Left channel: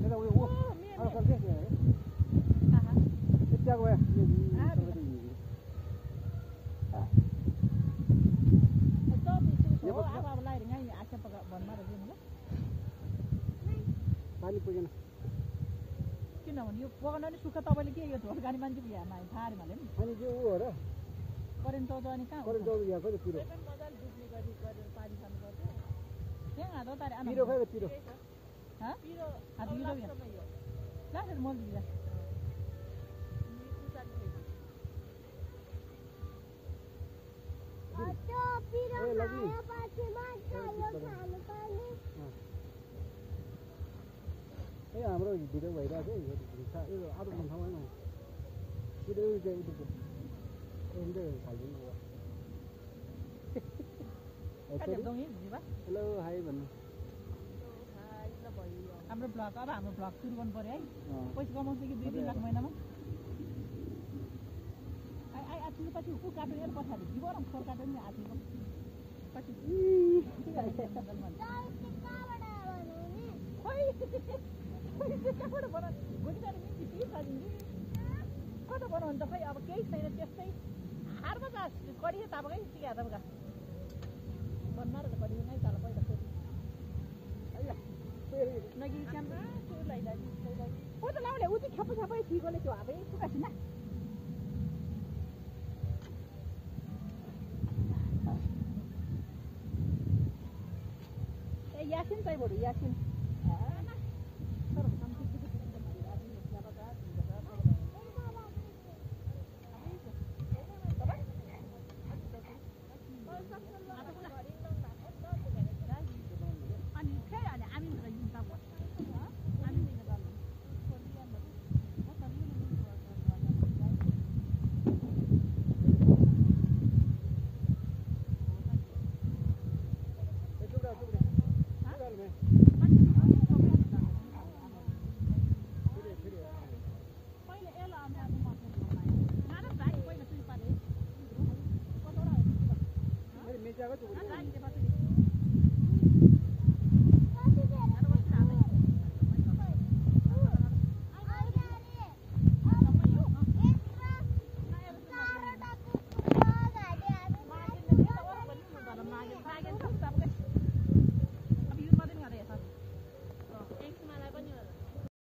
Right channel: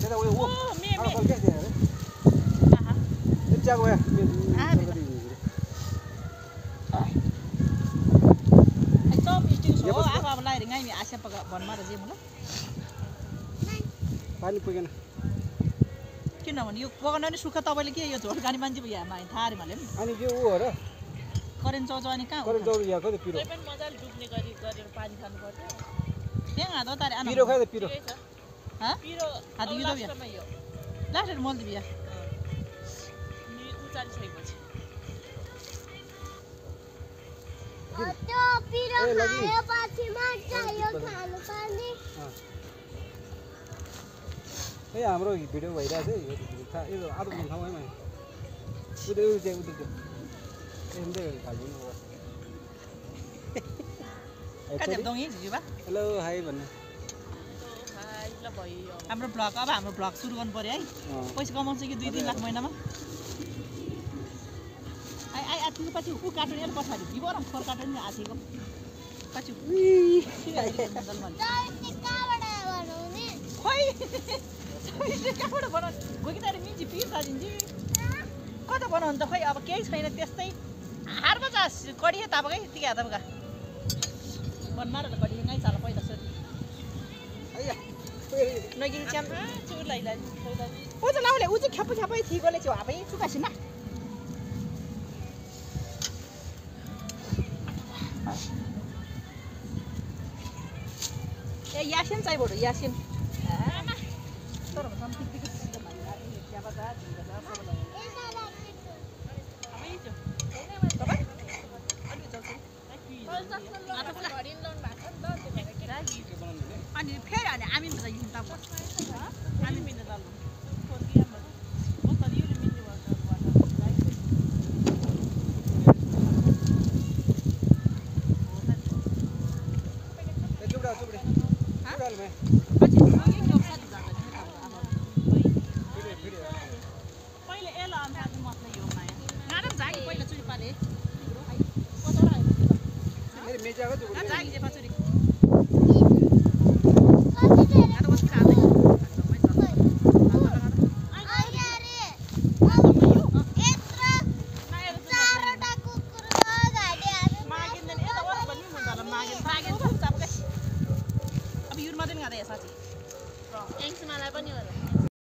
त्यता उयो ऊ आफल के त्यहाँ अरे यतिको भए पानी पुगेन किनभने यो पकाउन नि सुख तपाईँले के यो झोल खाने मान्छे यहाँ थाहा अरे मैले अनि के ऊ हो र करेन्ट चौचौ अनि कहाँ करेन्ट चौचौ यहाँ कति पिरो मजाले डुब्ने गरेर पानी खानु पर्छ त्यहाँ हात तारे पिरो खायो त पिरो पिरो हात यो त यो लास्ट मल्दी बिया नि उचाली सकेपछि त्यो पिरो खाएपछि मात्र यो खानु पर्ने ए हाम्रो भिडियो भइरहेछ है यो आदो मन ठाउँ है मैले उदे हेलो हाई भन्नु हाम्रो ब्लग अब हाम्रो ब्लग सुरु गर्नु पर्यो है पैसा कमाउँछ कि 2-3 लाख महिनामा आई आथिको पछि ऊ काट्नु नि पछाडि बिबरम फोर काट्नु नि आथिको पछि खोइ कहाँबाट बनाउनु गोकिताले मिन्ची पिर्छ दिन्छु कता बनाउनु त खोइ अब केही छैन त्यस्तै हारमा जा कडियो तापकै यतिकै हात तापका बनमार कडियो नै चाल पहिला सोध नगी च्याम चुलाई लाई ओ त लाउले उ चाहिँ ख्यापै थिगोले चाहिँ हापै चुकासिन ए यासिन चाहिँ बडो यासिन तर भन्छ पिकपिक सिस्टम भन्ने आदि ज्यादा जा दिन्छ सब अनि फेरि अनि हामी त युन त हामी मिल्ने दल पहिले एला अन्त मतलब यो माया गाडम जागी पहिला चुरी पाले कतरा आयो मेरे मेजाको जागी जे पछुरी